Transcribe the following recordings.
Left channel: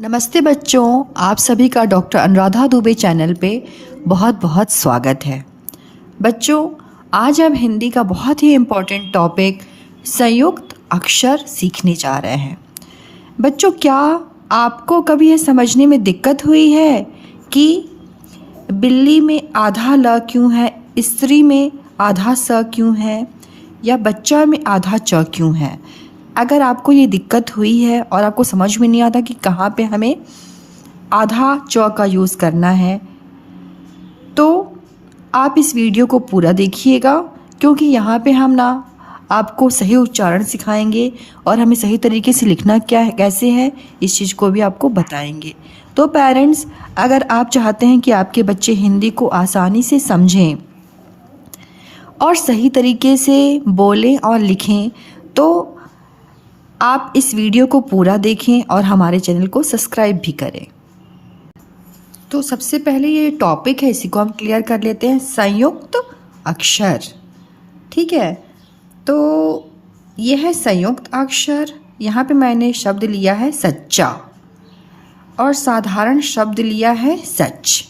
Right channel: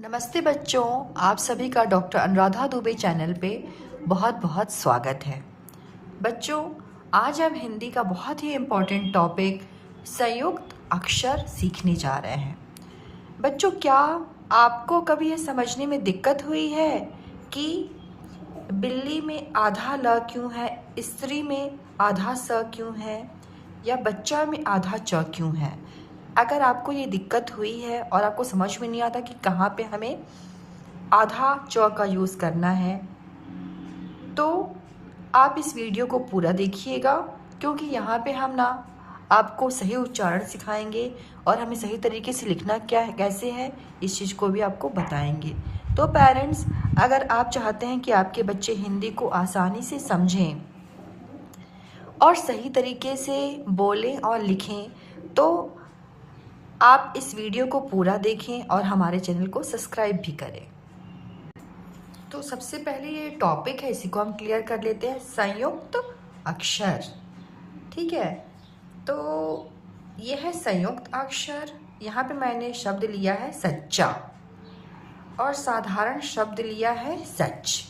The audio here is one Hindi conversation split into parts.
नमस्ते बच्चों, आप सभी का डॉक्टर अनुराधा दुबे चैनल पे बहुत बहुत स्वागत है। बच्चों, आज हम हिंदी का बहुत ही इम्पोर्टेंट टॉपिक संयुक्त अक्षर सीखने जा रहे हैं। बच्चों, क्या आपको कभी यह समझने में दिक्कत हुई है कि बिल्ली में आधा ल क्यों है, स्त्री में आधा स क्यों है या बच्चा में आधा च क्यों है? अगर आपको ये दिक्कत हुई है और आपको समझ में नहीं आता कि कहाँ पे हमें आधा च का यूज़ करना है, तो आप इस वीडियो को पूरा देखिएगा, क्योंकि यहाँ पे हम ना आपको सही उच्चारण सिखाएंगे और हमें सही तरीके से लिखना क्या है, कैसे है, इस चीज़ को भी आपको बताएंगे। तो पेरेंट्स, अगर आप चाहते हैं कि आपके बच्चे हिंदी को आसानी से समझें और सही तरीके से बोलें और लिखें, तो आप इस वीडियो को पूरा देखें और हमारे चैनल को सब्सक्राइब भी करें। तो सबसे पहले ये टॉपिक है, इसी को हम क्लियर कर लेते हैं, संयुक्त अक्षर। ठीक है, तो ये है संयुक्त अक्षर। यहाँ पे मैंने शब्द लिया है सच्चा और साधारण शब्द लिया है सच।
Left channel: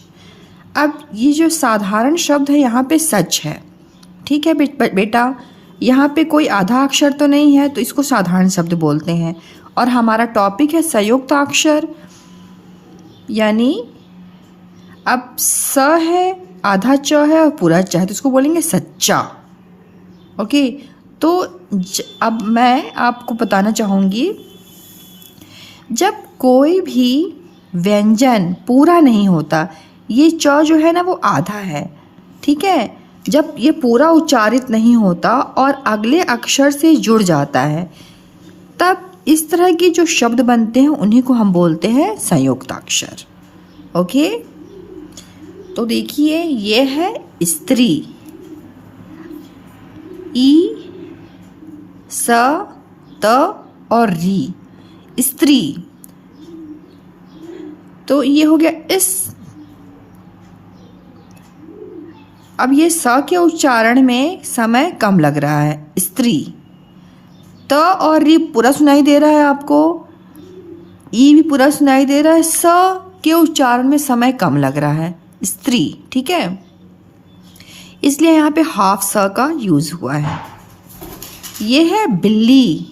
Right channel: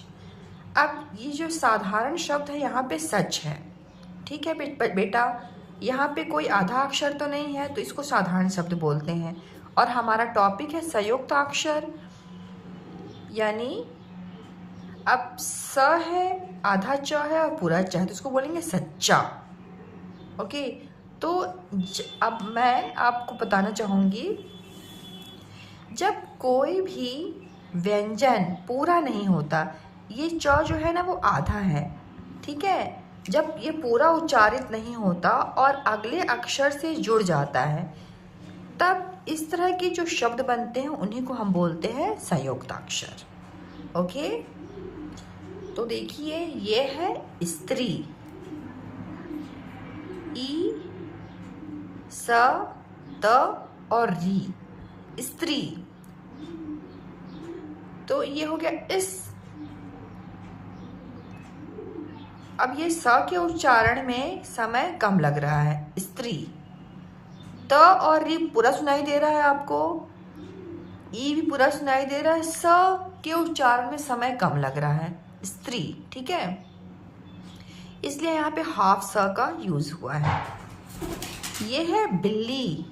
अब ये जो साधारण शब्द है यहाँ पे सच है। ठीक है बेटा, यहाँ पे कोई आधा अक्षर तो नहीं है, तो इसको साधारण शब्द बोलते हैं। और हमारा टॉपिक है संयुक्त अक्षर, यानी अब स है, आधा च है और पूरा च है, तो इसको बोलेंगे सच्चा। ओके, तो अब मैं आपको बताना चाहूँगी, जब कोई भी व्यंजन पूरा नहीं होता, ये च जो है ना वो आधा है। ठीक है, जब ये पूरा उच्चारित नहीं होता और अगले अक्षर से जुड़ जाता है, तब इस तरह के जो शब्द बनते हैं उन्हीं को हम बोलते हैं संयुक्त अक्षर। ओके, तो देखिए, ये है स्त्री, ई स त और री, स्त्री। तो ये हो गया इस। अब ये स के उच्चारण में समय कम लग रहा है, स्त्री। त और री पूरा सुनाई दे रहा है आपको, ई भी पूरा सुनाई दे रहा है, स के उच्चारण में समय कम लग रहा है, स्त्री। ठीक है, इसलिए यहाँ पे हाफ स का यूज़ हुआ है। ये है बिल्ली,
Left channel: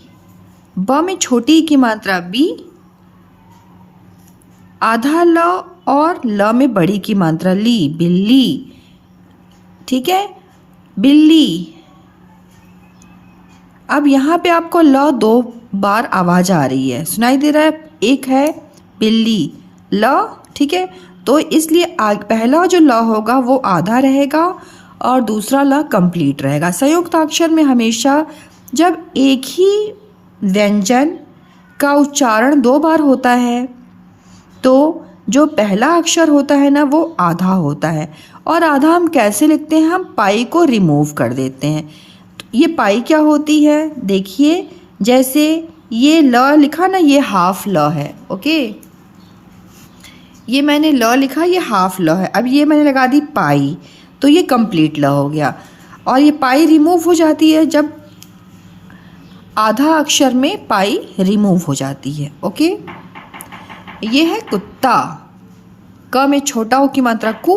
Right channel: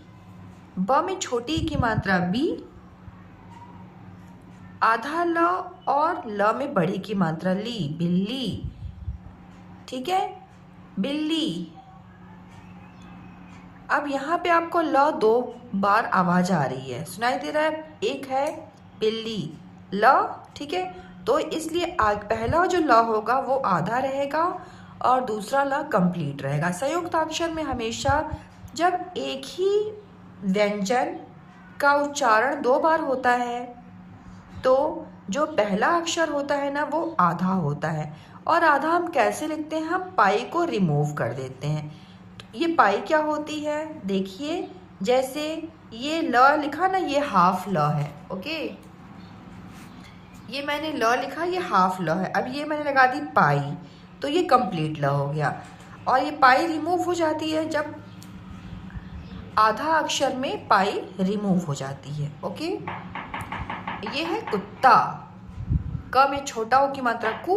ब में छोटी की मात्रा बी, आधा ल और ल में बड़ी की मात्रा ली, बिल्ली। ठीक है, बिल्ली। अब यहाँ पे आपको ल 2 बार आवाज़ आ रही है, सुनाई दे रहा है, एक है बिल्ली, ल। ठीक है, तो इसलिए पहला जो ल होगा वो आधा रहेगा और दूसरा ल कंप्लीट रहेगा। संयुक्त अक्षर में हमेशा जब एक ही व्यंजन का उच्चारण 2 बार होता है, तो जो पहला अक्षर होता है ना वो आधा होता है। और आधा हम कैसे लिखते हैं, हम पाई को रिमूव कर देते हैं। तो ये पाई क्या होती है, देखिए, जैसे ये ल लिखा ना, ये हाफ ल है। ओके, ये मैंने ल लिखा, ये हाफ ल है। अब ये मैंने लगा दी पाई, तो ये कंप्लीट ल हो गया। और ये पाई रिमूव हो जाती है जब आधा अक्षर में पाई रिमूव हो जाती है। ओके, ये है कुत्ता, क में छोटा ओ की मात्रा कु,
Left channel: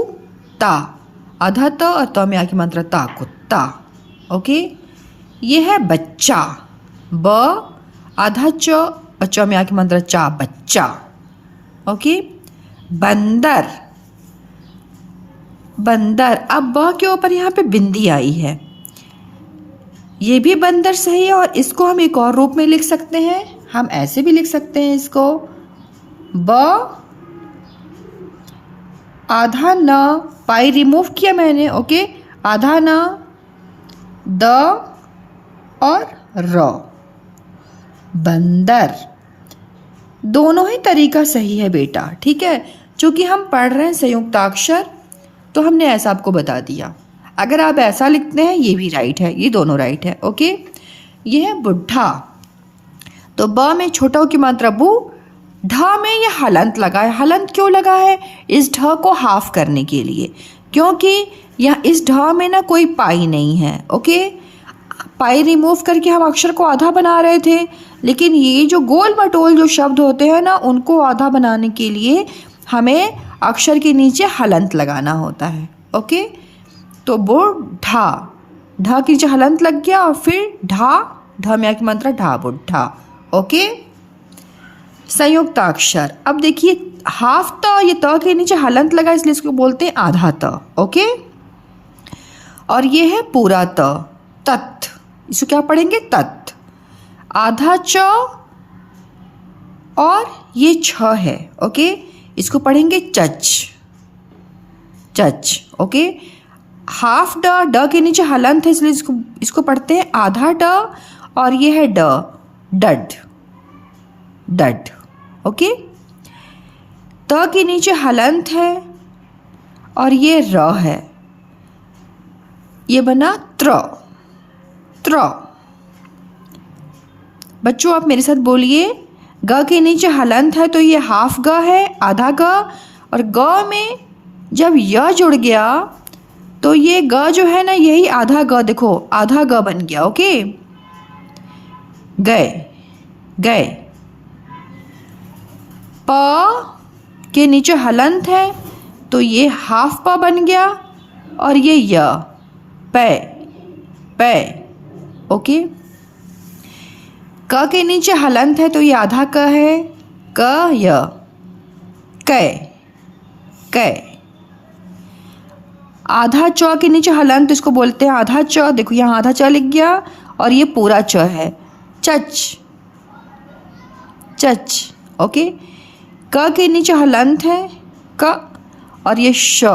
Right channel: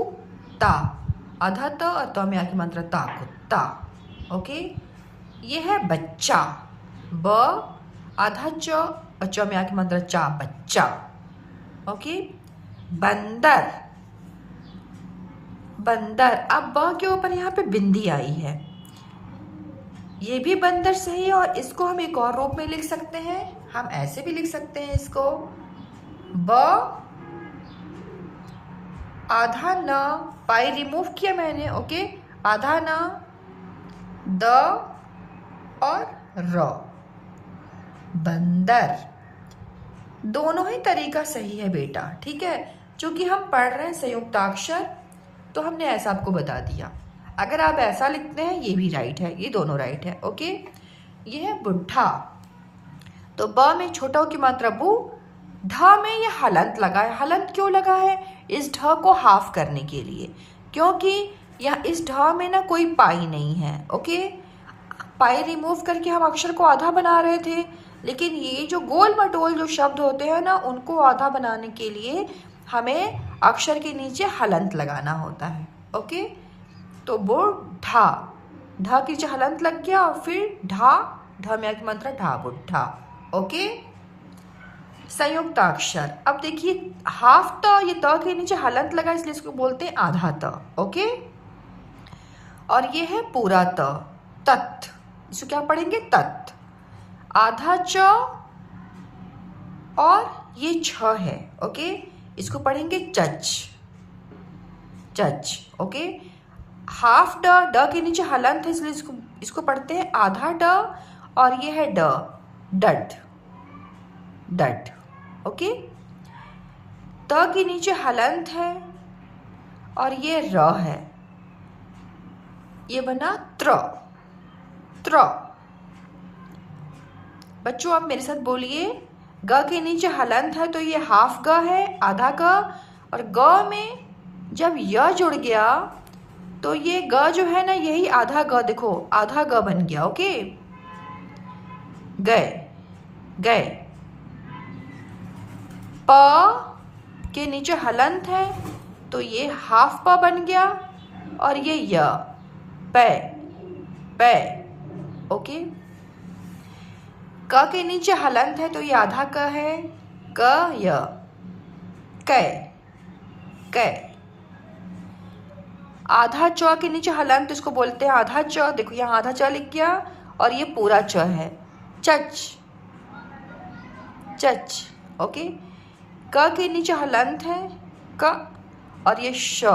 ता, आधा त और त में आ की मात्रा ता, कुत्ता। ओके, ये है बच्चा, ब आधा च और च में आ की मात्रा चा, बच्चा। ओके, बंदर, बंदर। अब ब के ऊपर यहाँ पे बिंदी आई है, ये भी बंदर सही है। और इसको हम एक और रूप में लिख सकते हैं, हम ऐसे भी लिख सकते हैं इसको, ब आधा न, पाई रिमूव किया मैंने। ओके, आधा न, द और र, बंदर। दोनों ही तरीका सही है बेटा। ठीक है, चूँकि हम पढ़ रहे हैं संयुक्ताक्षर, तो हमने ऐसा आपको बता दिया। अगर आप ऐसा लिखते हैं, ये भी राइट है, ये दोनों राइट है। ओके, ये है बुढ़ा, तो ब में छोटा की मात्रा बू, ढ में ये हलंत लगा है। हलंत क्यों लगा है, इस ढ को हाफ करने के लिए, क्योंकि यहाँ इस ढ में ना कोई पाई नहीं है। ओके, पाई रिमूव करके हम अक्षर को आधा बना रहे थे, लेकिन ये जो गोल मटोल जो शब्द होते हैं ना, उनको आधा बनाने के लिए हमें अक्षर के नीचे हलंत लगाना होता है। ओके, तो वो ढा के नीचे हलंत लग गया और फिर ढ में आके मंत्र ढा बुढ़ा। ओके, संयुक्ताक्षर। अब देखिए हाफ त, ये त के नीचे हलंत लगा इसलिए इसको बोलते हैं आधा त। ओके, और ये है पूरा त, तत्। इसको क्या पढ़ेंगे? तत्। आधा च और ये छ है। ओके, इसको पढ़ेंगे चच, चच। ओके, हाफ ड के नीचे हलंत है इसलिए इसको पढ़ते हैं आधा ड, और ये है ड, डड, डड। ओके, त के नीचे हलंत है और ये र है, ये बना त्र, त्र। बच्चों आप मेरे साथ बोलिए, ग के नीचे हलंत है तो ये हाफ ग है, आधा ग, और ग में जब य जुड़ गया तो ये ग जो है ना, यही आधा ग, देखो आधा ग बन गया। ओके, गए, गए। प के नीचे हलंत है तो ये हाफ प बन गया, और ये य, पै, पै। ओके, क के नीचे हलंत है तो ये आधा क है, क य, कै, कै। आधा च के नीचे हलंत, इसको बोलते हैं आधा च। देखो यहाँ आधा च लिख गया और ये पूरा च है, चच, चच। ओके, क के नीचे हलंत है, क, और ये श,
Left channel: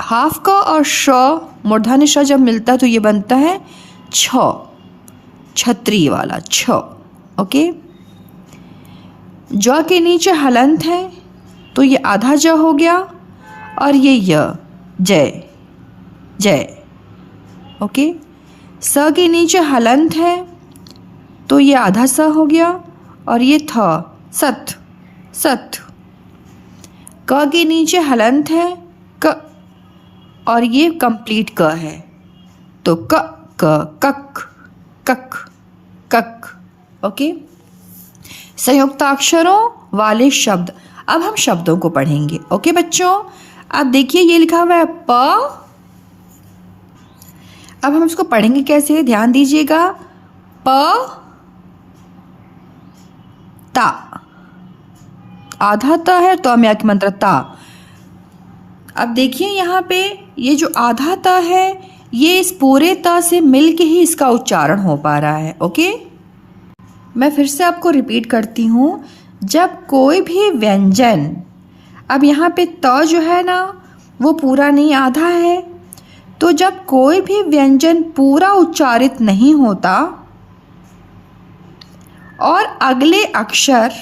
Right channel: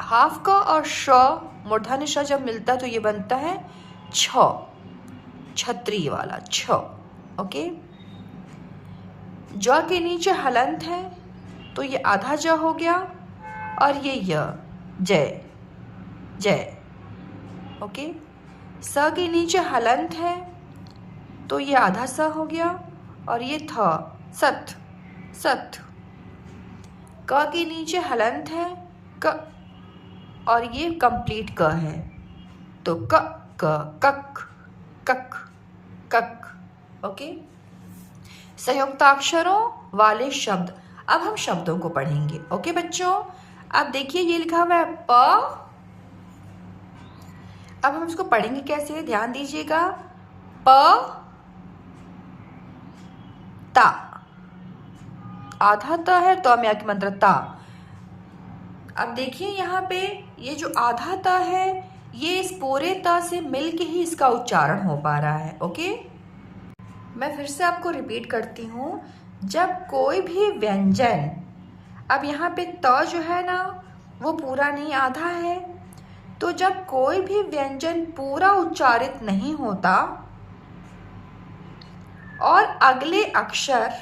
हाफ क और श, मूर्धन्य श जब मिलता है तो ये बनता है छ, छतरी वाला छ। ओके, ज के नीचे हलंत है तो ये आधा ज हो गया, और ये य, जय, जय। ओके, स के नीचे हलंत है तो ये आधा स हो गया, और ये थ, सत, सत। क के नीचे हलंत है, क, और ये कंप्लीट क है तो क, क, कक, कक, कक। ओके, संयुक्ताक्षरों वाले शब्द। अब हम शब्दों को पढ़ेंगे। ओके बच्चों, अब देखिए ये लिखा हुआ है प। अब हम इसको पढ़ेंगे कैसे, ध्यान दीजिएगा। प, ता, आधा ता है तो हम या मंत्र ता। अब देखिए यहाँ पे ये जो आधा ता है, ये इस पूरे ता से मिल के ही इसका उच्चारण हो पा रहा है। ओके, मैं फिर से आपको रिपीट करती हूँ। जब कोई भी व्यंजन, अब यहाँ पे त जो है ना वो पूरा नहीं आधा है, तो जब कोई भी व्यंजन पूरा उच्चारित नहीं होता और अगले अक्षर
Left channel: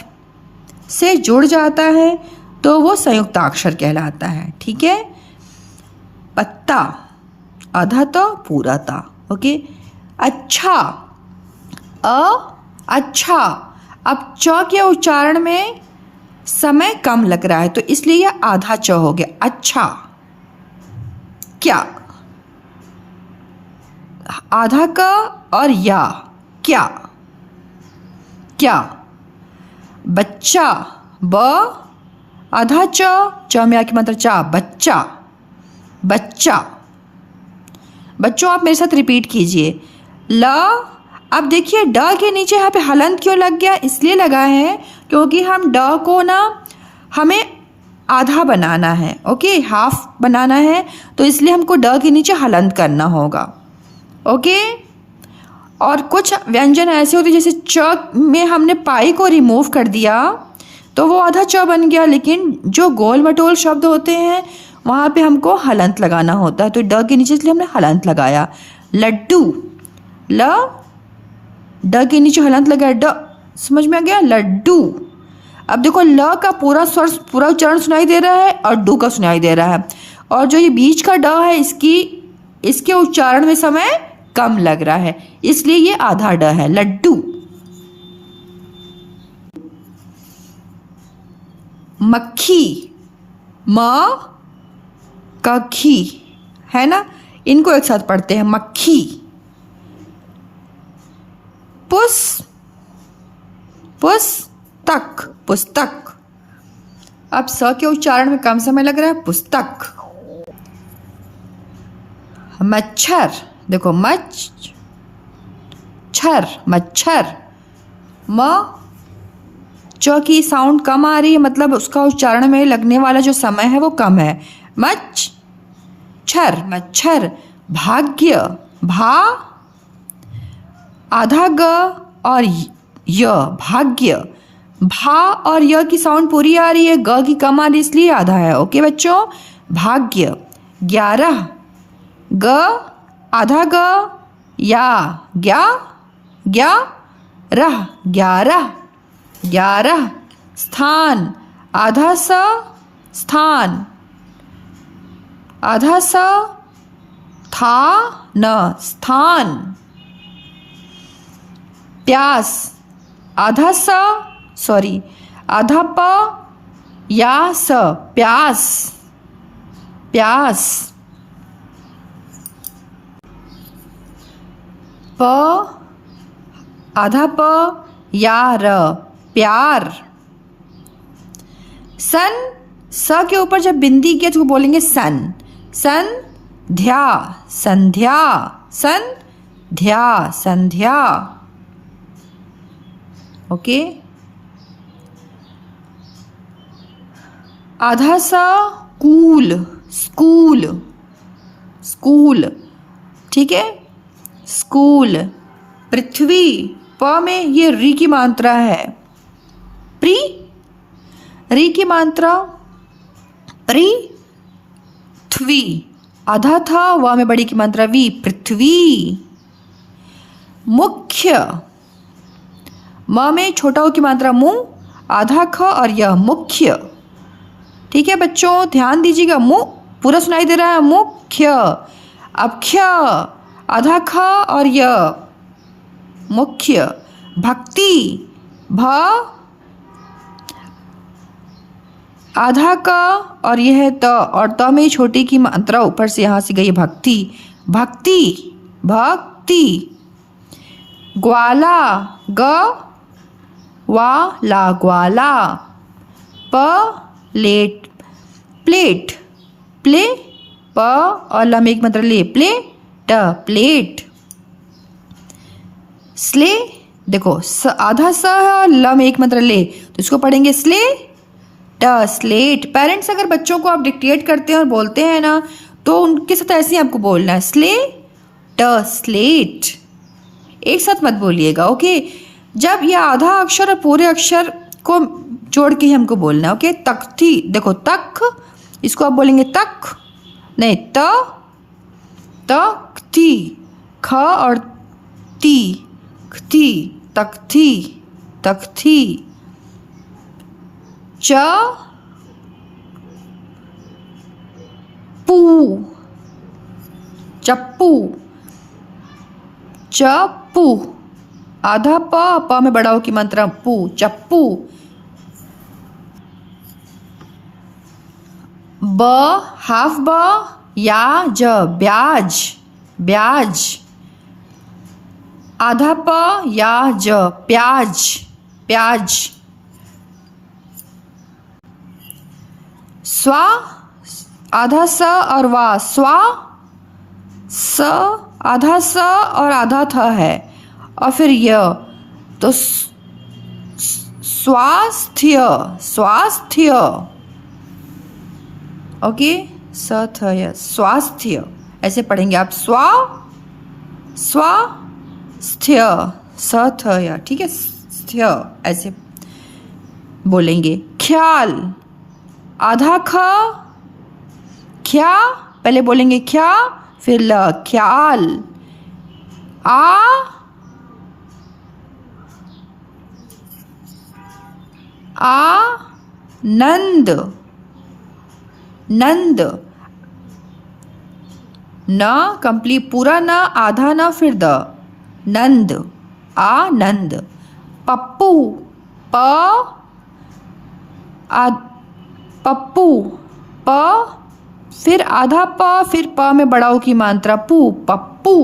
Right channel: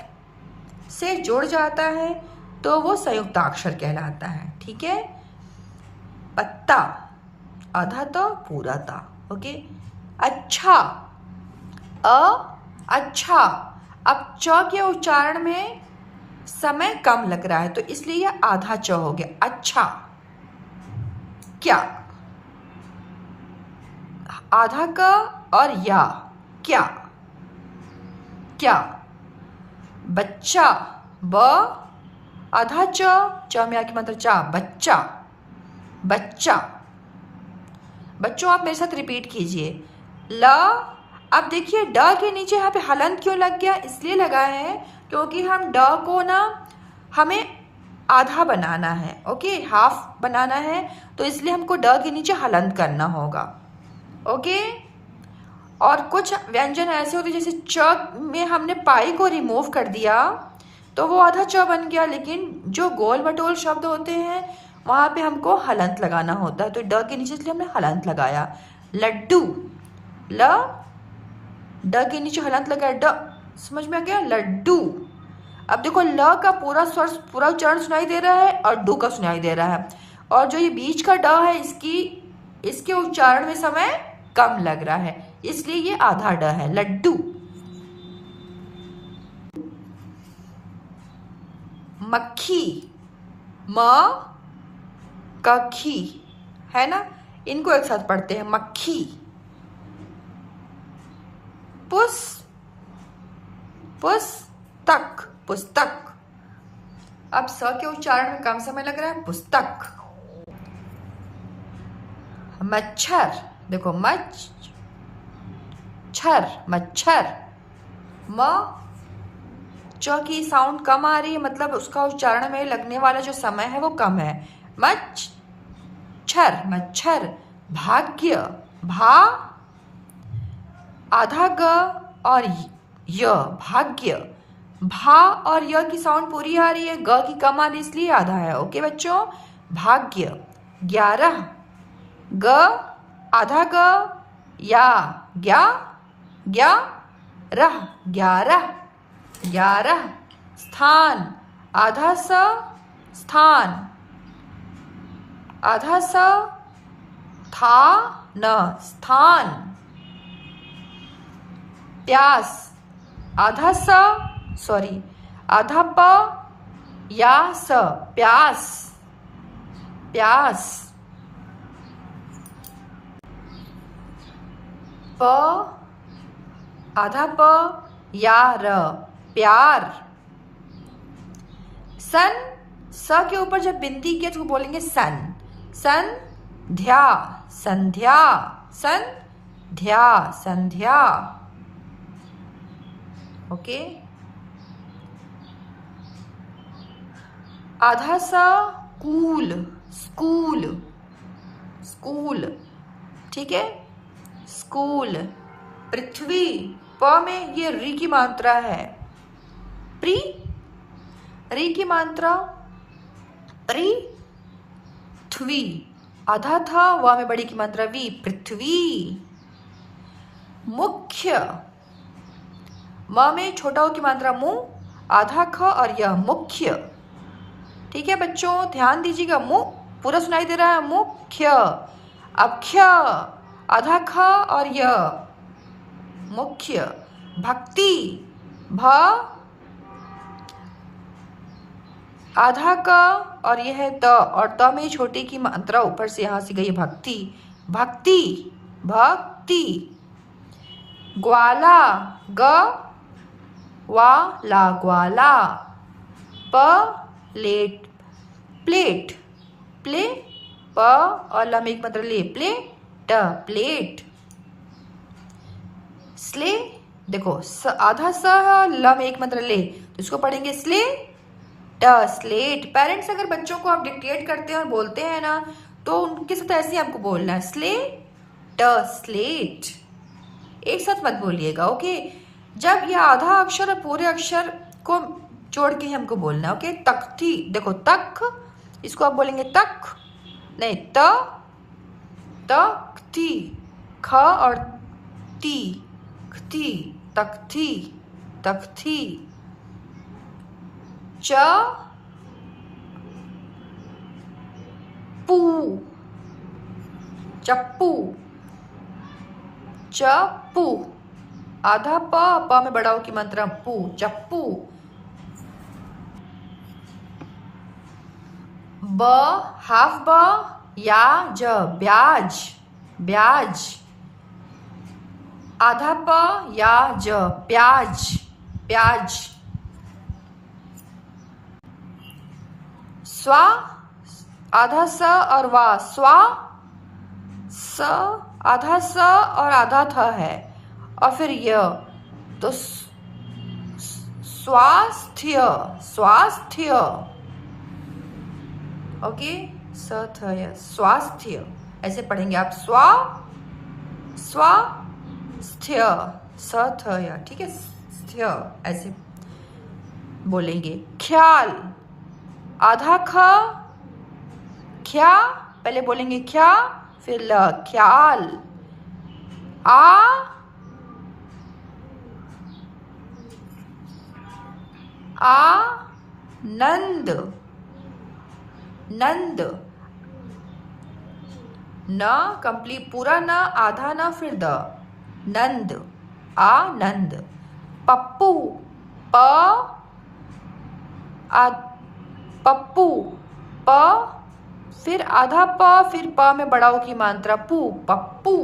से जुड़ जाता है तो वो संयुक्ताक्षर कहलाता है। ठीक है, पत्ता, आधा ता पूरा ता। ओके, अच्छा, अच्छा। अब च के उच्चारण में समय कम लग रहा है तो इसलिए यह आधा च हो गया, अच्छा। क्या, आधा का और या, क्या, क्या। बच्चा, ब, आधा च में आके मंत्र चा, बच्चा, बच्चा। बच्चों आप मेरे साथ रिपीट कीजिए। ल, अब देखिए ड के नीचे यहाँ पे हलंत क्यों लग गया, इसलिए लगा है क्योंकि हम ड को ना हमें आधा बनाना है। ओके, हाफ बनाना है तो इसलिए हमको ड के नीचे हलंत करना होगा। ओके, और कुछ व्यंजन ऐसे होते जैसे च में हमने पाई को रिमूव कर दिया तो वो आधा च बन गया, लेकिन जो गोल मटोल शब्द होते हैं वहाँ पे हमको हलंत लगाना होता है, तो ड के नीचे इसलिए हमने हलंत लगाया। लड्डू, ल, ड के नीचे हलंत लगाया, ड, समझ में आ गया, लड्डू। अब देखो ल का पूरा स्वर, पूरा उच्चारण सुनाई दे रहा है और डू का सुनाई दे रहा है, और जो ये बीच का ड है इसके उच्चारण में समय कम लग रहा है, इसलिए ये आधा ड है, लड्डू। मक्खी, म का खी है ना, इनको एक साथ पढ़ते हैं, मक्खी, पुस पुस्तक पुस्तक। अब स के उच्चारण में कम समय लग रहा है, पुस्तक। मच्छर, देखो मच्छर मच्छर। म च की साउंड कम आ रही है, मतलब उसका उच्चारण में लगने वाला जो समय है वो कम है। मच्छर मच्छर। भाग्य, भा आधा ग और य, भाग्य। भा और य की साउंड पूरी आ रही है, ग की कम आ रही है, इसलिए आधा है। ओके बच्चों, भाग्य। 11, ग आधा ग या ग्या ग्या रह, 11 11। स्थान, आधा स स्थान, आधा स था न स्थान। प्यास, आधा सा सॉरी आधा प या स, प्यास प्यास। प आधा प या र, प्यार। सन, स के ऊपर जब बिंदी किया तो बोलेंगे सन। संध्या संध्या, संध्या संध्या। ओके। आधा सा कूल, स्कूल स्कूल, ठीक है, स्कूल। पृथ्वी, प में ये री की मात्रा है, प्री री की मात्रा, पृथ्वी। आधा था, व में बड़ी की मात्रा वी, पृथ्वी। मुख्य, म में छोटा ओ की मात्रा मु, आधा ख और यह, मुख्य। ठीक है बच्चों, ध्यान दीजिएगा, मु पूरा सुनाई दे रहा है, मुख्य। अब ख्य, आधा ख और यह, मुख्य। भक्ति, भ आधा का और यह है त, और त में छोटी की मात्रा ऊपर से यहाँ से गई, भक्ति भक्ति भक्ति। ग्वाला, ग वाला ग्वाला। प्लेट, प्लेट प्ले, प और ल में एक मात्रा ले, प्लेट प्लेट। स्ले, देखो आधा सा है और ल में एक मात्रा ले, तो इसको पढ़ेंगे स्ले स्लेट। पेरेंट्स अगर बच्चों को आप डिक्टेट करते हैं और बोलते हैं ना, तो उनके साथ ऐसे ही आपको बोलना है, स्ले स्लेट। एक साथ मत बोलिएगा, ओके। जब यह आधा अक्षर और पूरे अक्षर को जोड़ के ही हमको बोलना है, ओके। तख्ती, देखो तक, इसको आप बोलेंगे तक नहीं, तख्ती, ख और ती, खती, तख्ती तख्ती। चप्पू, चप्पू। आधा प में बड़ा ओ की मात्रा पू, चप्पू। ब हाफ ब या ज, ब्याज ब्याज। आधा प या ज, प्याज प्याज। स्वा, आधा स और वा, स्वा। स आधा स और आधा थ है, और फिर य, तो स्वास्थ्य स्वास्थ्य, ओके। स थ य, स्वास्थ्य, ऐसे पढ़ेंगे आप, स्वास्थ्य, स थ य, ठीक है, स्थ्य ऐसे बोलेंगे। ख्याल, आधा ख ख्या, पहले बोलेंगे ख्या फिर ल, ख्याल। नंद, नंद। न कंप्लीट पूरा न, आधा न फिर द, नंद, आनंद। पप्पू, पप्पू, प फिर आधा प फिर प में बड़ा ओ की मात्रा पू, पप्पू।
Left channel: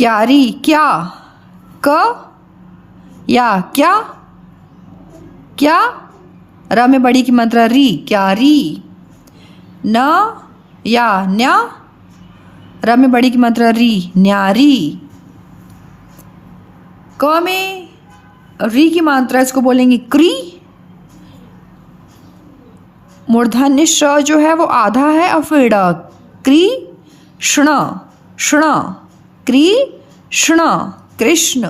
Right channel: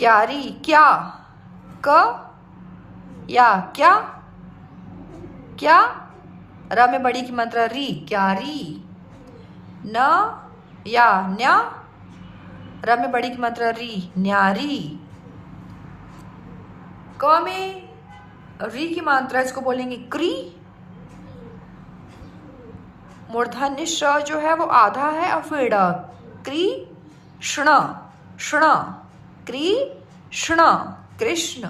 क्यारी, क्या, क या क्या, क्या, र में बड़ी की मात्रा री, क्यारी। न या न्या, र में बड़ी की मात्रा री, न्यारी। क में री की मात्रा, इसको बोलेंगे क्री। मूर्धन्य श जो है वो आधा है और फिर ड, क्री ष्ण, ष्ण, क्री ष्ण, कृष्ण।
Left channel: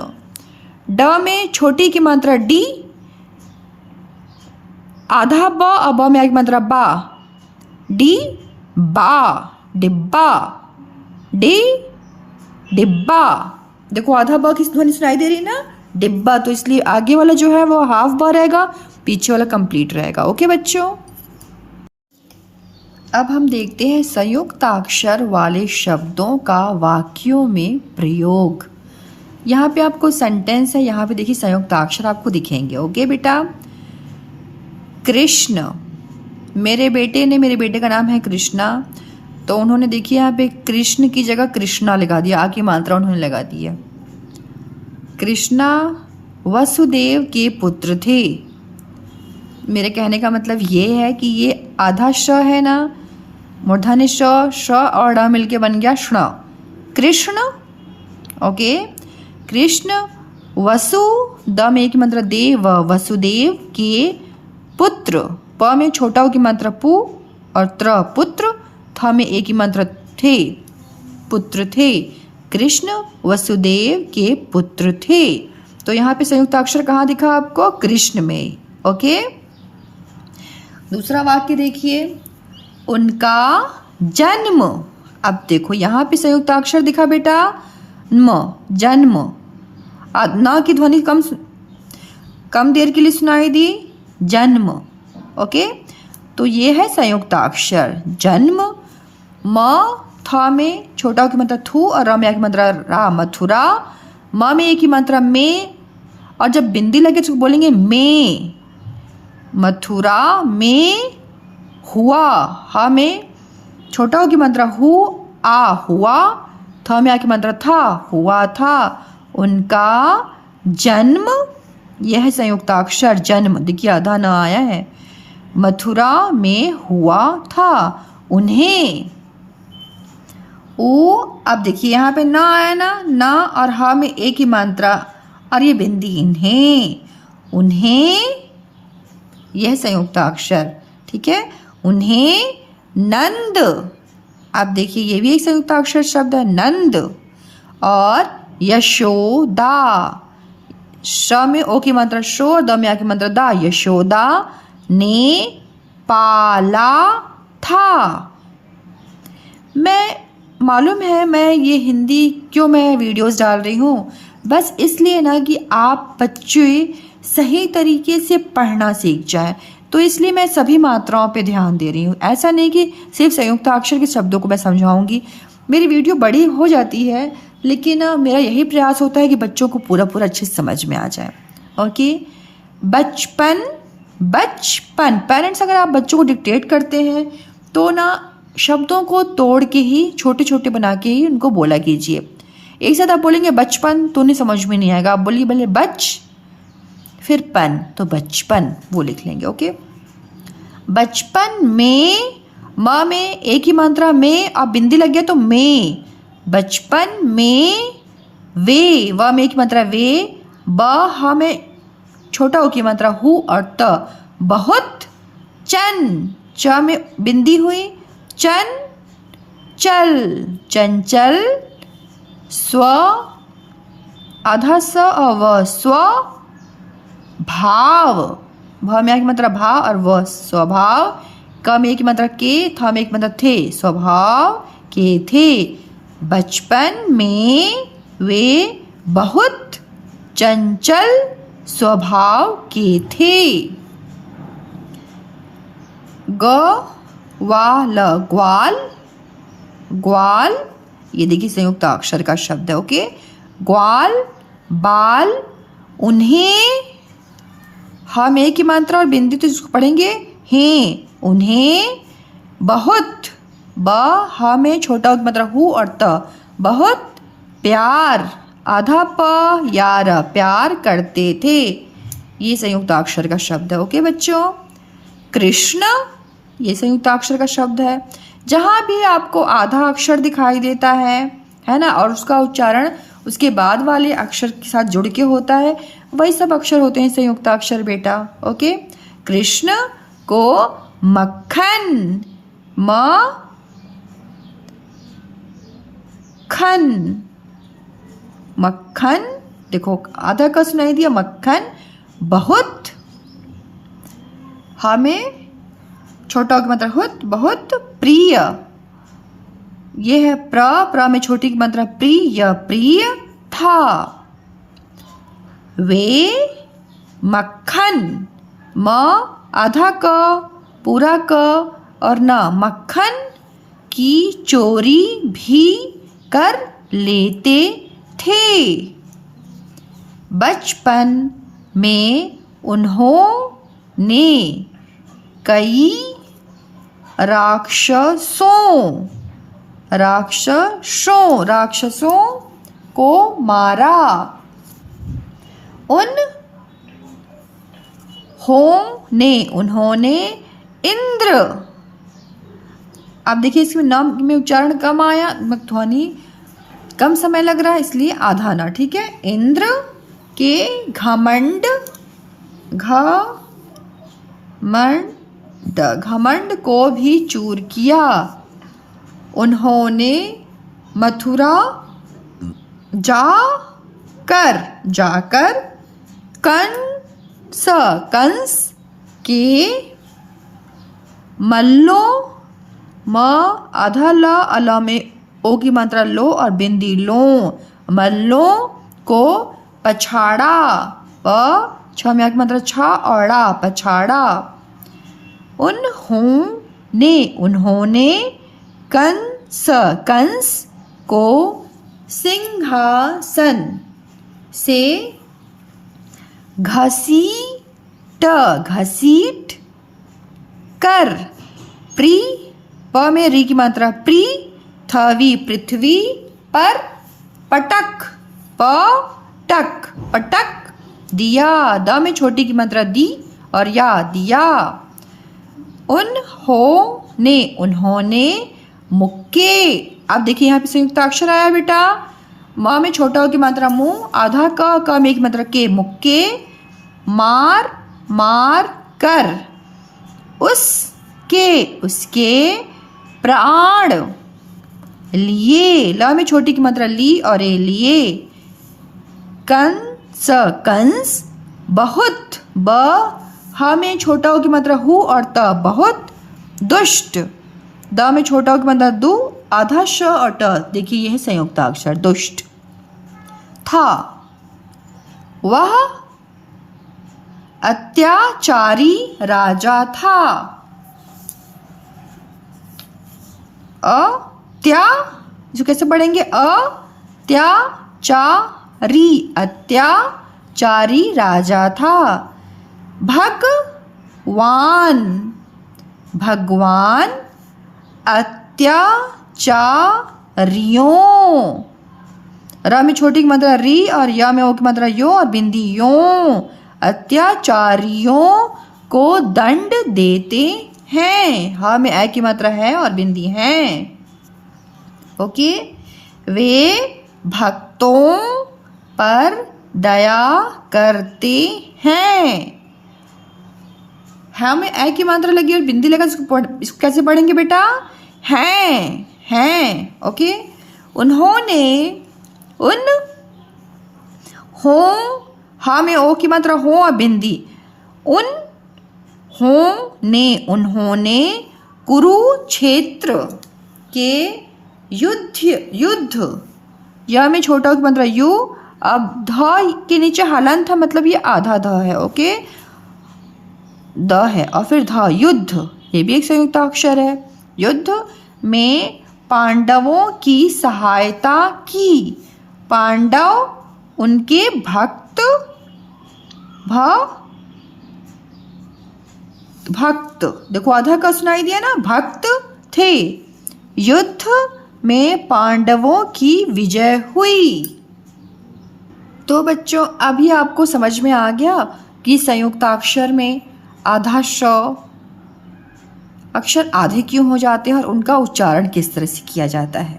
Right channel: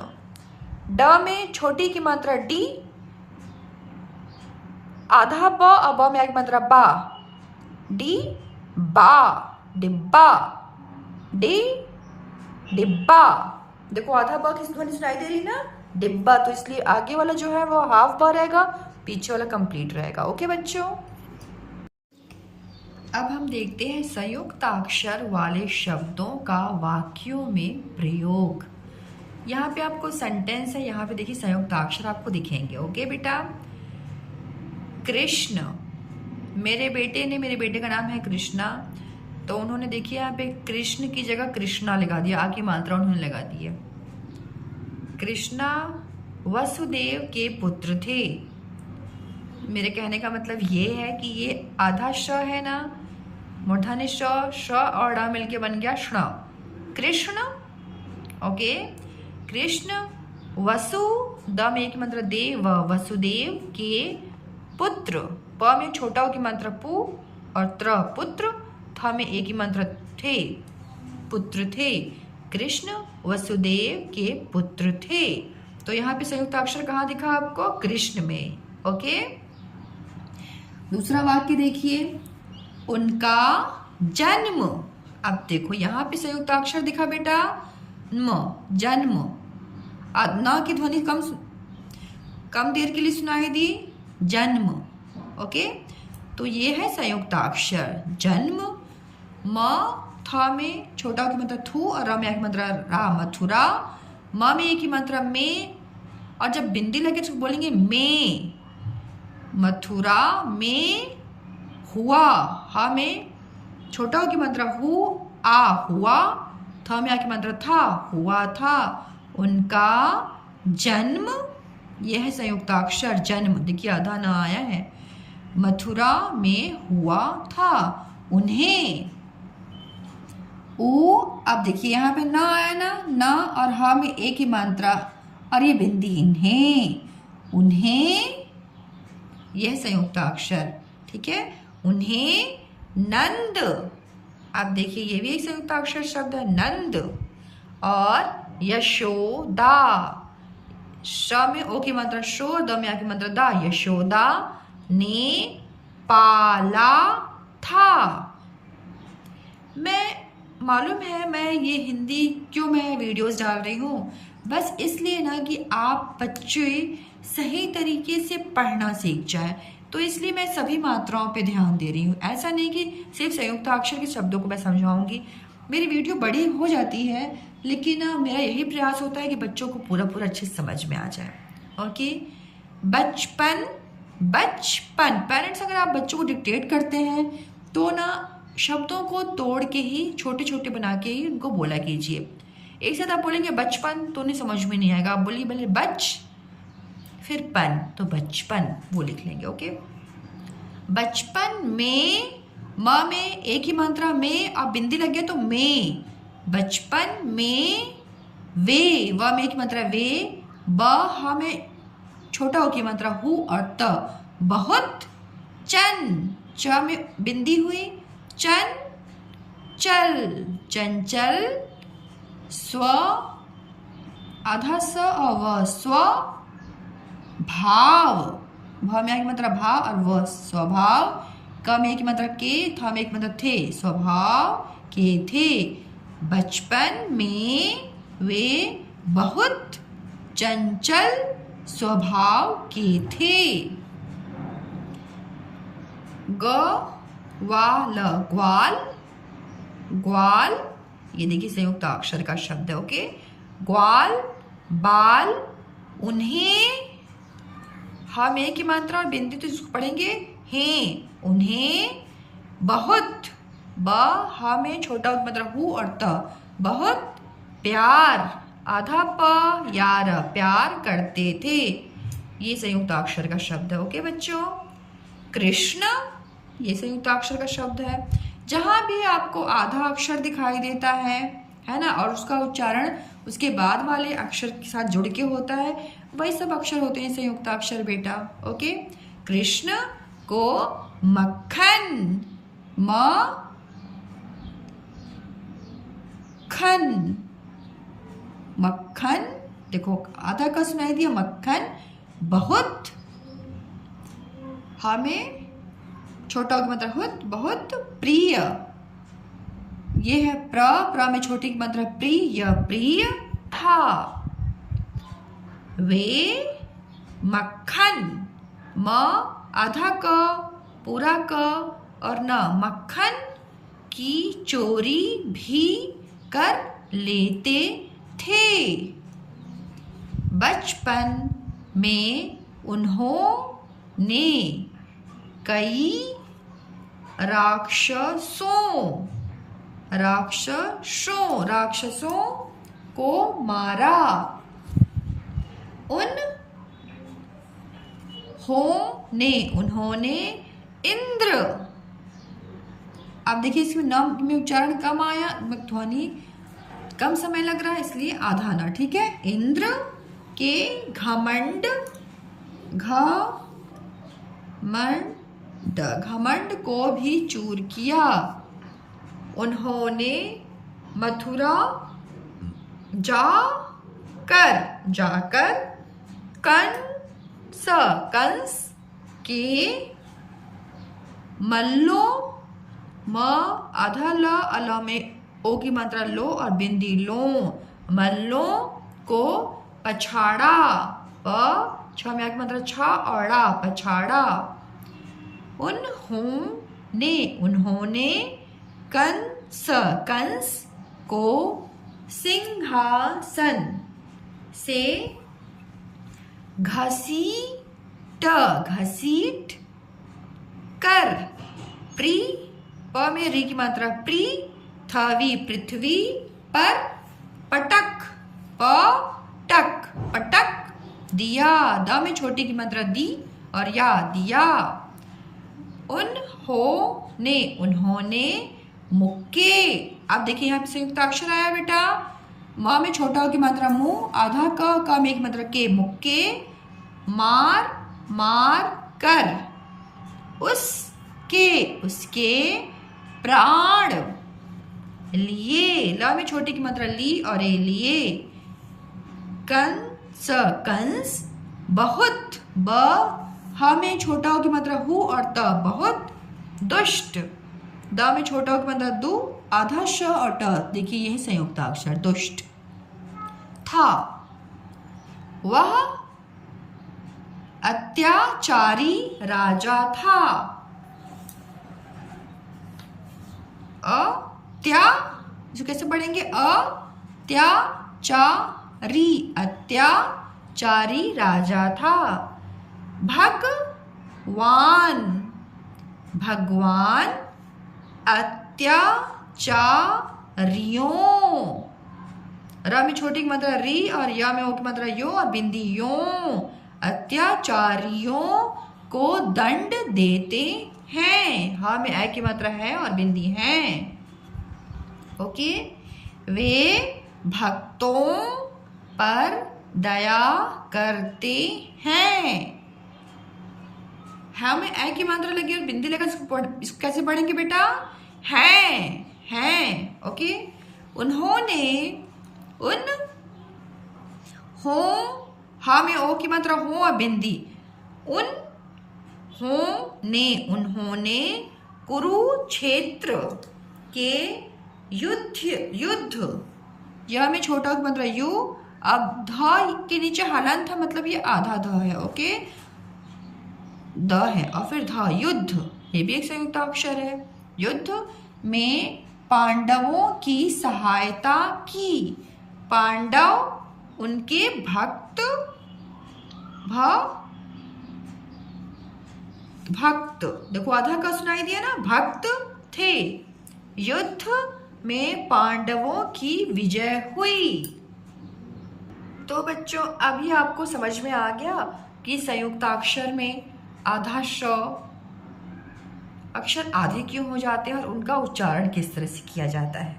ड में छोटी की मात्रा डी, आधा ब और ब में एक मात्रा बा, डी बा, डिब्बा, डी डिब्बा। देखो आधा ब की ध्वनि सुनाई दे रही ना, डिब्बा, तो इसलिए आगे वाला जो है वो हाफ ब रहेगा, पीछे वाला कंप्लीट रहेगा। ओके बच्चों, अब हम देखते हैं संयुक्ताक्षर वाले शब्दों का वाक्यों में प्रयोग। यहाँ पे आपको सेंटेंस है, यहाँ पे देखिए संयुक्ताक्षर आपको दिखेंगे। ओके बेटा, कृष्ण, मेरे बेटे का नाम है कृष्णा, तो उन्होंने देखिए यहाँ पे कृष्ण की जगह कृष्णा लगा दिया, आ की मात्रा उन्होंने लगा दी है। कृष्णा वसुदेव के पुत्र थे। मेरे कहने का मतलब ये है कि ये आधा श है ना, मूर्धन्य श और ड मिलके बन गया ष्ण, कृष्ण। ओके, कृष्ण वसु, द में एक मात्रा देव, वसुदेव के पुत्र, प में छोटा की मात्रा पु और त्र, पुत्र, थ में एक ही मात्रा थे, पुत्र थे। कृष्ण वसुदेव के पुत्र थे। तो यहाँ पे संयुक्त अक्षर कहाँ दिखा आपको? कृष्ण में। ओके, दूसरा वाक्य देखिए, उनका जन्म। अब देखो यहाँ पे संयुक्त अक्षर दिखा बेटा म, जन्म। न की ध्वनि कम देर के लिए सुनाई दी, जन्म। ओके, तो ये है संयुक्त अक्षर जन्म। म थ में छोटा की मात्रा थू और र में एक मात्रा रा, मथुरा। म में एक ही मात्रा में, और जब बिंदी लगे तो बोलेंगे में, मथुरा में हुआ। ह में छोटा की मात्रा हु, आ हुआ। थ में आ की मात्रा था, हुआ था। उनका जन्म, यह है संयुक्ताक्षर जन्म। देखिए आधा न आया है, मथुरा में हुआ था। उन्हें, अब देखिए यहाँ पे न आया ना, न और ह में एक ही मात्रा और ये बिंदी, इन्हें, उन्हें, यह संयुक्ताक्षर। ठीक है, उन्हें नंद। अब देखिए ये भी एक संयुक्ताक्षर शब्द है, नंद। और यशोदा, श में ओ की मात्रा शो, द में आ की मात्रा दा, यशोदा ने पाला था। मालूम है मैं ये हिंदी क्यों मैं वीडियोस डाल रही हूँ, बस इसलिए ना कि आप बच्चे सही तरीके से पढ़ना सीख जाएं। तो इसलिए मैं सभी मात्राओं पे ध्यान दे रही हूँ। ऐसा नहीं कि सिर्फ संयुक्ताक्षर के शब्दों को मैं समझाऊंगी। मेरी वीडियो बड़ी हो जाती है, लेकिन मेरा यही प्रयास होता है कि बच्चों को पूरा अच्छे से समझ में आ जाए। ओके, बचपन, बचपन। पेरेंट्स अगर आप बच्चों को डिक्टेट करते हैं तो ना शब्दों को तोड़ के ही, छोटे छोटे बना के ही उनको बोला कीजिए। एक साथ आप बोलेंगे बचपन तो उन्हें समझ में नहीं आएगा। आप बोलिए भले बच फिर पन, तो बचपन वो लिख लेंगे। ओके, बचपन में, म में एक ही मात्रा में और बिंदी लग गया तो में। बचपन में वे, व में एक मात्रा वे, ब ह में छोटा हो की मात्रा हु और त, बहुत। चन, च में बिंदी हुई, चन चल, चंचल। स्व, आधा स और व, स्व भाव, भ में एक मात्रा भा और व, स्वभाव। क में एक मात्रा के, थ में एक मात्रा थे, स्वभाव के थे। बचपन में वे बहुत चंचल स्वभाव के थे। ग्वाल, ग्वाल, ग्वाल, ये देखिए संयुक्त अक्षर का शब्द है। ओके, ग्वाल, बाल। उन्हें, हम एक ही मात्रा और बिंदी तो इसको पढ़ेंगे हैं, उन्हें बहुत, ब ह में छोटा मात्रा हु और त, बहुत प्यार, आधा प या र, प्यार करते थे। ये संयुक्ताक्षर का शब्द है। ओके बच्चों। कृष्ण, ये संयुक्ताक्षर का शब्द है। जहाँ भी आपको आधा अक्षर दिखाई देता है ना, और उसका उच्चारण उसके बाद वाले अक्षर के साथ जुड़ के होता है, वही सब अक्षर होते हैं संयुक्ताक्षर बेटा। ओके। कृष्ण को मक्खन, मक्खन, मक्खन, देखो आधा का सुनाई दिया, मक्खन बहुत, हमें छोटा की मात्रा हुत, बहुत प्रिय। ये है प्र में छोटी की मात्रा प्रिय, प्रिय था। वे मक्खन, म आधा क पूरा क और न, मक्खन की चोरी भी कर लेते थे। बचपन में उन्होंने कई राक्षसों को मारा। उन्होंने इंद्र, अब देखिए इसमें नाम में उच्चारण कम आया, ध्वनि कम समय लग रहा है, इसलिए आधा ना, ठीक है। इंद्र के घमंड को भी चूर किया। उन्होंने मथुरा जाकर कंस के मल्लों, म आधा ला, अला में ओ की मात्रा लो और बिंदी लो, मल्लों को पछाड़ा, प छ में की मात्रा छ और ड़ा, पछाड़ा। उन्होंने कंस को सिंहासन से घसीट कर, प में री की मात्रा पृथ्वी, पृथ्वी पर पटक दिया। द में छोटी की मात्रा दी और या, दिया। उन्होंने मुक्के, अब देखिए यहाँ पे संयुक्ताक्षर आया बेटा, म में छोटा की मात्रा मुंह, आधा क में की मात्रा के, मुक्के मार कर उसके प्राण लिए। ल में छोटी की मात्रा ली और ए, लिए। कंस बहुत, ब ह में छोटा की मात्रा हु और त, बहुत दुष्ट। द में छोटा की मात्रा दु, आधा श और ट, देखिए यह संयुक्ताक्षर दुष्ट था। वह अत्याचारी राजा था। जो कैसे पढ़ेंगे, अत्याचारी राजा था। भगवान अत्याचारियों, र में छोटी की मात्रा री और या में ओ की मात्रा यो और बिंदी यो, अत्याचारियों को दंड देते हैं। हा में ए की मात्रा है और बिंदी है। ओके। वे भक्तों पर दया करते हैं। हाँ में ए की मात्रा लगी और बिंदी लगा, इसको कैसे पढ़ेंगे बेटा, हैं। ओके। हा में ओ की मात्रा हो और बिंदी, उन्होंने कुरुक्षेत्र के युद्ध, या में छोटा की मात्रा यू, अब ध के नीचे हलन था, मतलब ये आधा ध है। ओके, द है और फिर ध, युद्ध, ये भी एक संयुक्ताक्षर है। युद्ध में पांडवों की सहायता की। पांडव उनके भक्त देखो आधा का सुनाई दिया ना, भक्त थे। युद्ध में पांडवों की विजय हुई। तो बच्चों अभी आपको समझ में आ गया कि संयुक्ताक्षर में आधा श अक्षर आधे क्यों हो जाते हैं और उनका उच्चारण किस तरह से किया जाता है।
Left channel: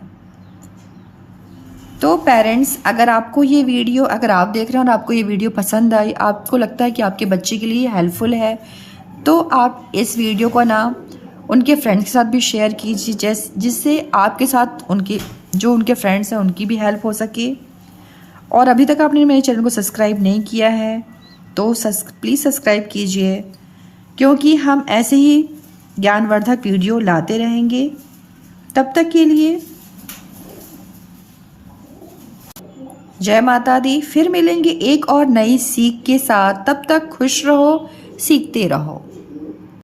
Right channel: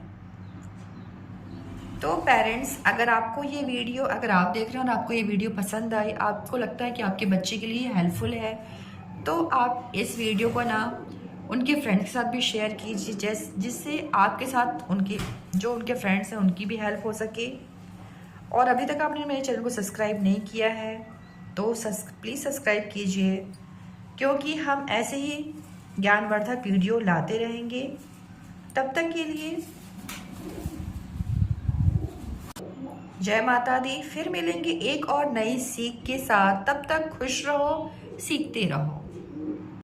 तो पेरेंट्स, अगर आपको ये वीडियो, अगर आप देख रहे हैं और आपको ये वीडियो पसंद आई, आपको लगता है कि आपके बच्चे के लिए हेल्पफुल है, तो आप इस वीडियो को ना उनके फ्रेंड्स के साथ भी शेयर कीजिए, जिससे आपके साथ उनके फ्रेंड्स हैं उनकी भी हेल्प हो सके। और अभी तक आपने मेरे चैनल को सब्सक्राइब नहीं किया है तो प्लीज़ सब्सक्राइब कीजिए, क्योंकि हम ऐसे ही ज्ञानवर्धक वीडियो लाते रहेंगे। तब तक के लिए जय माता दी। फिर मिलेंगे एक और नई सीख के साथ। तब तक खुश रहो, सीखते रहो।